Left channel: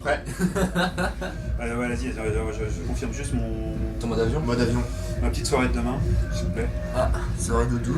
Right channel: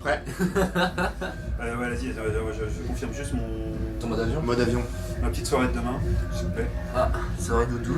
Prêt. Ouais, vas-y, je confirme juste mon... Ton mode avion. Mode avion. ma petite soirée de demain, s'il vous plaît. Ah, soirée doudou.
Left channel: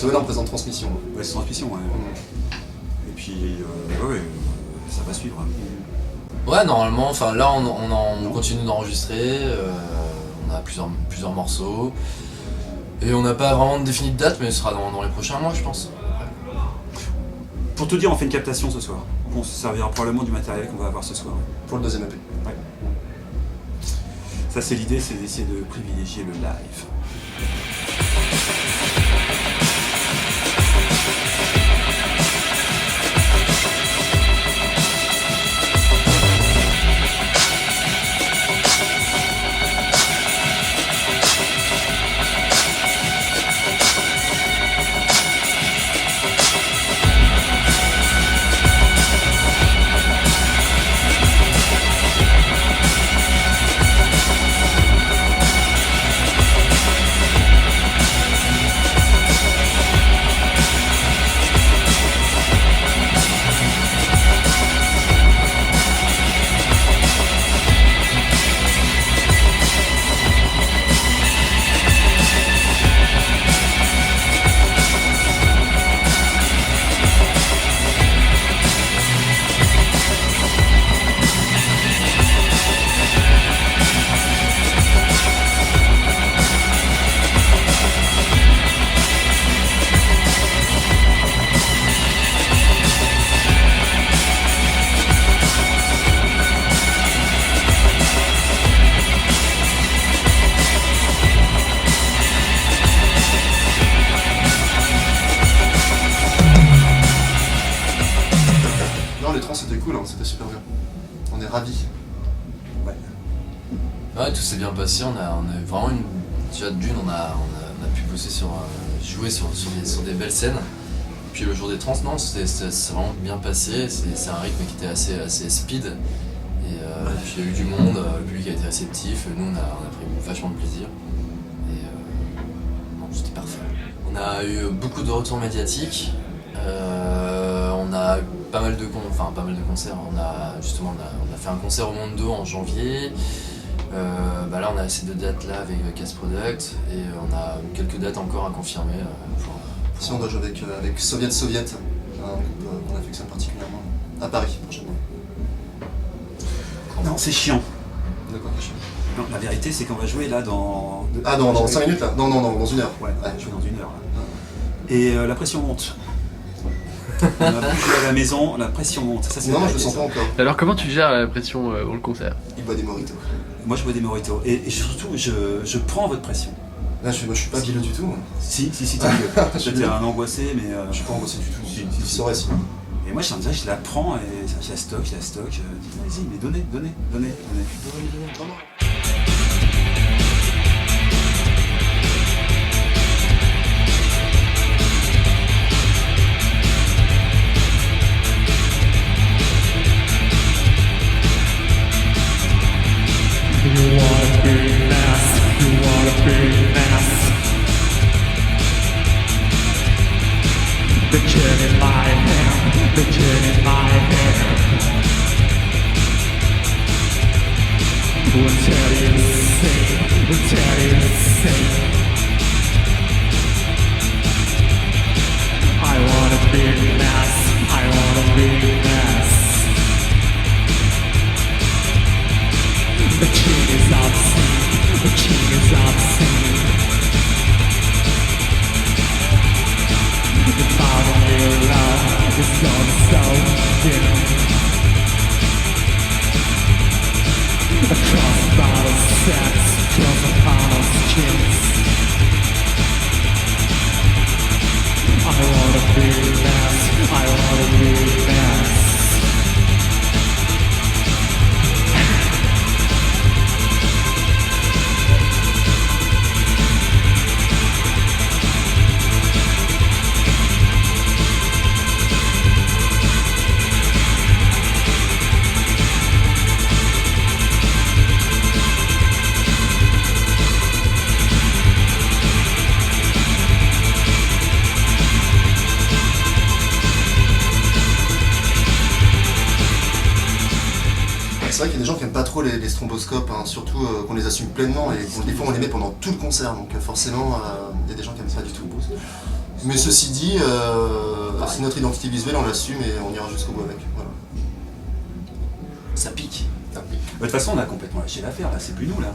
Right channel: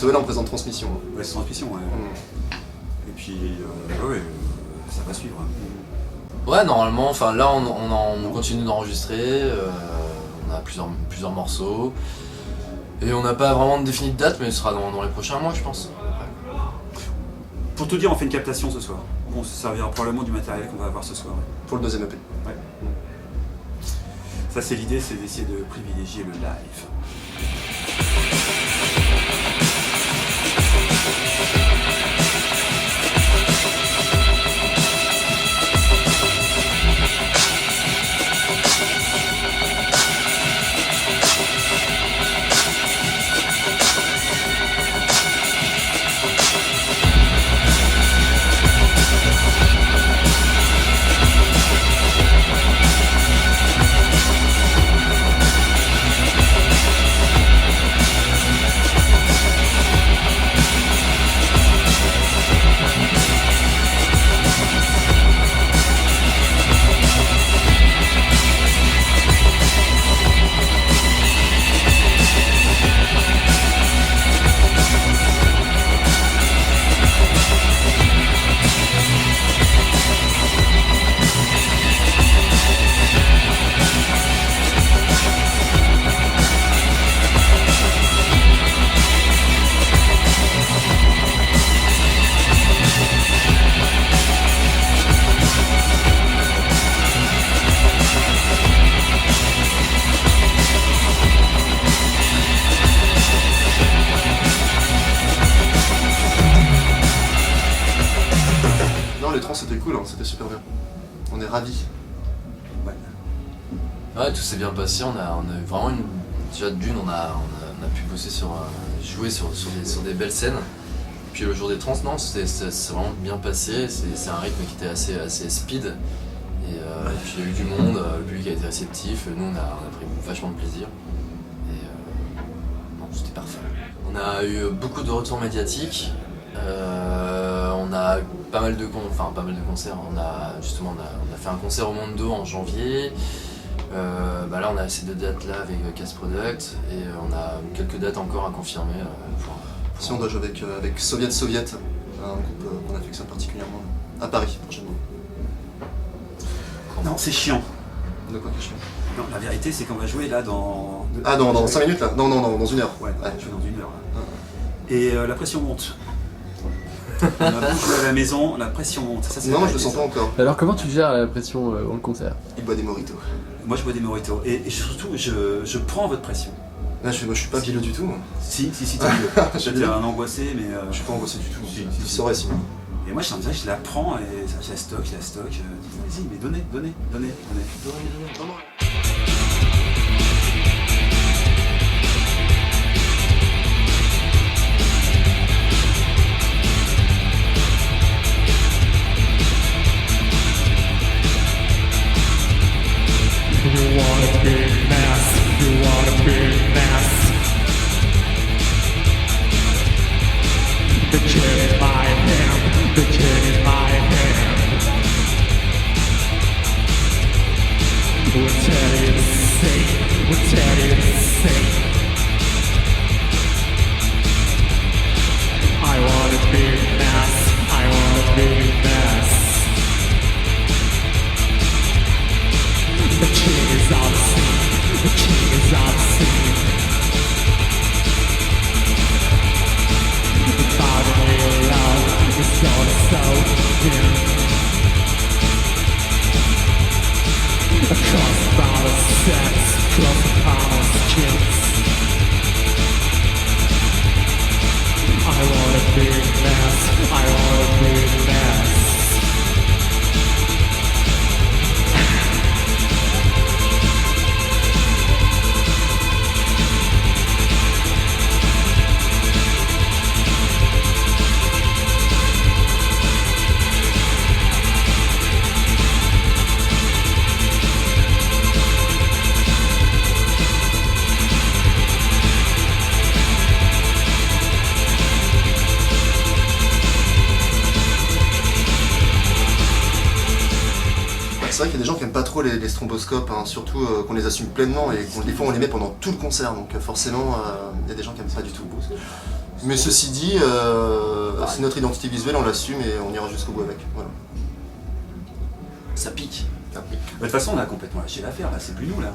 Là on présente transmission. Ouais, c'est transmission, ouais. Et puis, ça va suivre. Ouais, normalement, enfin là on continue d'enregistrer, on a plusieurs morceaux. Et on n'a pas vraiment défini de date, mais ce sera dans les prochains mois, je pense. Pour tout dire, on fait une captation ce soir. On se servira probablement du matériel qu'on va avoir ce soir. Pour le deuxième EP. Ouais. Ça, c'est l'idée, c'est d'essayer de privilégier le live. C'était cool, hein, c'était super bien. On est ravis. Ouais. Ouais, tout s'est bien passé, on a eu vraiment déjà d'une, on a pu bosser jouer sur des belles scènes. Puis le jour des trans, non, c'est vraiment bien passé, c'est un rythme qui était assez speed. Et puis il y a eu du monde, le public a été réceptif, nous on a pris vachement de plaisir. Et non, c'était parfait. On a eu beaucoup de retours médiatiques. On a pas mal de concerts. On a fait un concert au Mondo en janvier. Là, on a ces 2 dates là avec Cast Product et on a quelques dates encore à confirmer. Si on doit jouer avec Soviet, un groupe qu'on affectionne particulièrement à Paris prochainement. Non, c'est chiant. De quoi chiant? Non, la vérité, c'est qu'on va jouer là dans... Ah, dans 5 minutes là? Non, dans 1 heure. Ouais, on va jouer dans 1 heure là. Et la pression monte. On a bougé à la maison, la pression monte. Ça, non, je le sens pas encore. Alors comment tu gères la pression dans le concert? Il boit des mojitos. Moi je bois des mojitos. Et surtout, je prends votre pression. Là, je suis pas bileux du tout. Si, t'es bileux. J'étais un angoissé, mais... Je suis pas angoissé du tout. Si. Tu saurais sinon. Et moi, je la prends et je la stocke. Vas-y, mais donnez. The gun in my hand, the gun in my hand. We'll tell you the same, we'll tell you the same. I want a big mess, I want a big mess. The king is obscene, the king is obscene. The fountain of your love is gonna so dim. Across the bottle sex, across the bottle skills. I want a big mess, I want a big mess. C'est vrai qu'il y a des gens qui aiment pas trop les stromboscopes, hein, surtout qu'on les assume pleinement et des fois on les met pendant tout le concert, donc forcément il y a des gens qui aiment pas du tout le boost. Mais ceci dit, c'est notre identité visuelle, on l'assume et on ira jusqu'au bout avec. Voilà. Ça pique. De toute façon, on a complètement lâché l'affaire, là, c'est plus nous, là.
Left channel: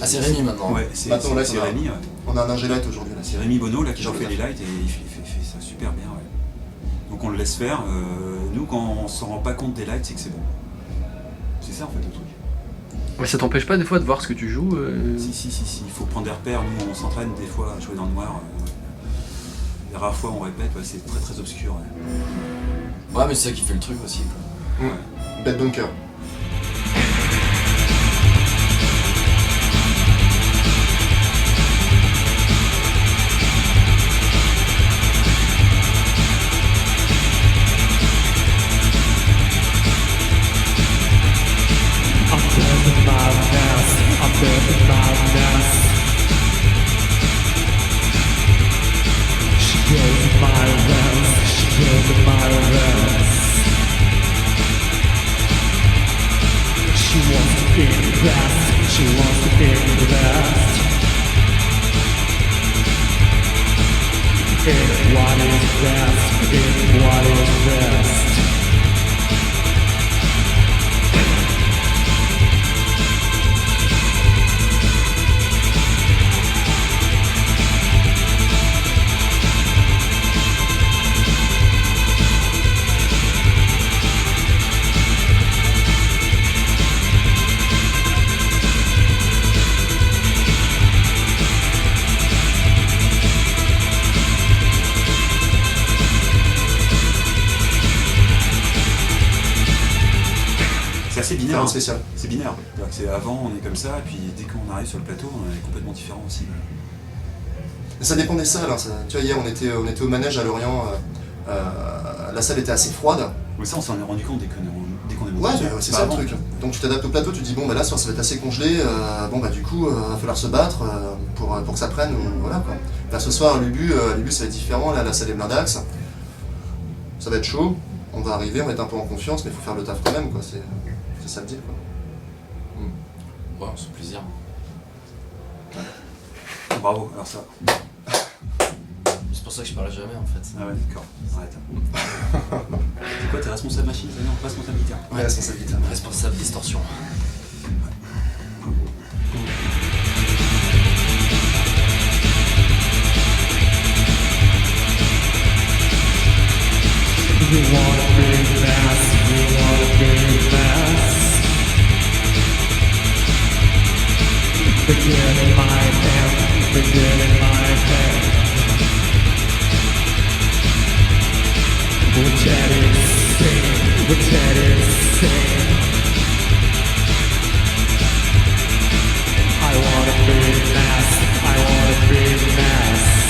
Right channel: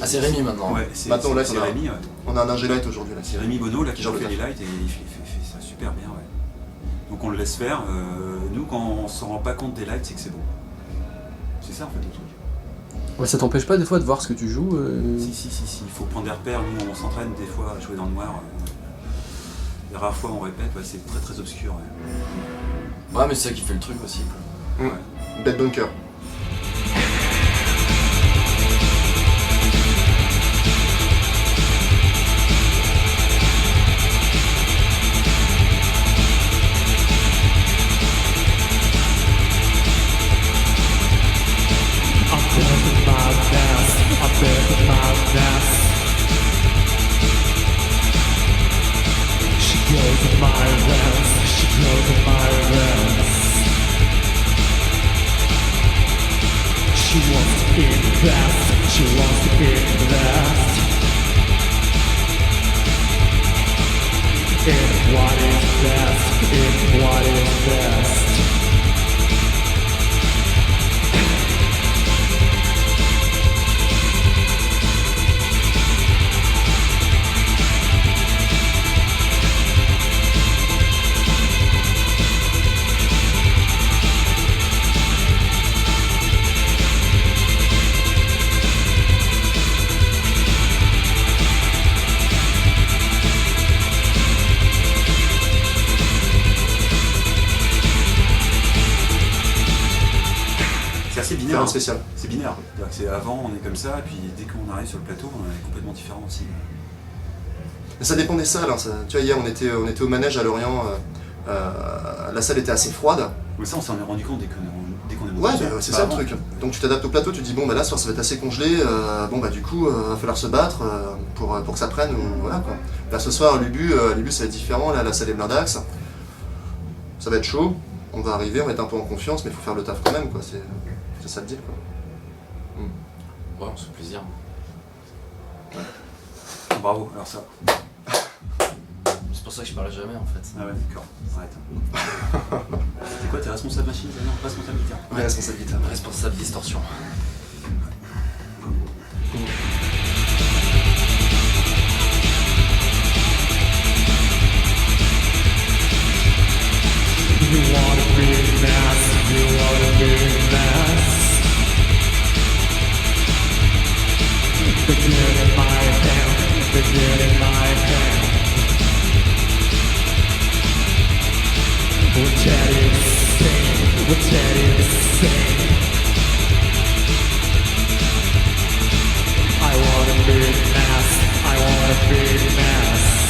Ah, c'est Rémi maintenant. Ouais, Maintenant, là, c'est Rémi, ouais. On a un ingé light aujourd'hui. C'est Rémi Bonneau, là, qui Genre fait le les lights et il fait ça super bien, ouais. Donc on le laisse faire. Nous, quand on s'en rend pas compte des lights, c'est que c'est bon. C'est ça, en fait, le truc. Mais ça t'empêche pas des fois de voir ce que tu joues Si, il faut prendre des repères. Nous, on s'entraîne des fois à jouer dans le noir. Les rares fois où on répète, ouais, c'est très très obscur. Ouais, mais c'est ça qui fait le truc aussi, quoi. Bad Bunker. I'm building my nest. She goes in my realms, she goes in my realms. She wants to invest, she wants to invest in what is best, in what is best. C'est binaire. Faire un Hein. spécial. C'est binaire. C'est avant, on est comme ça, et puis dès qu'on arrive sur le plateau, on est complètement différent aussi. Ça dépend des salles. Hein. Tu vois, hier, on était au manège à Lorient. La salle était assez froide. Mais ça, on s'en est rendu compte dès qu'on est monté. Ouais, c'est ça le truc. Donc tu t'adaptes au plateau, tu te dis bon, bah là, ce soir, ça va être assez congelé. Bon, bah du coup, va falloir se battre pour que ça prenne. Voilà quoi. Là, ce soir, Lubu, ça va être différent. Là, la salle est blindax. Ça va être chaud. On va arriver, on va être un peu en confiance, mais il faut faire le taf quand même, quoi. C'est ça le deal, quoi. Ouais, on se fait plaisir. Bravo, alors ça. C'est pour ça que je parle jamais en fait. Ah ouais, d'accord, arrête. C'est quoi, t'es responsable machine? Non, pas responsable guitare. Ouais, responsabilité. Responsable distorsion. You want a big mess, you want a big mess. The gun in my hand, the gun in my hand. We'll tell you the same, we'll tell you the same. I want a big mess, I want a big mess.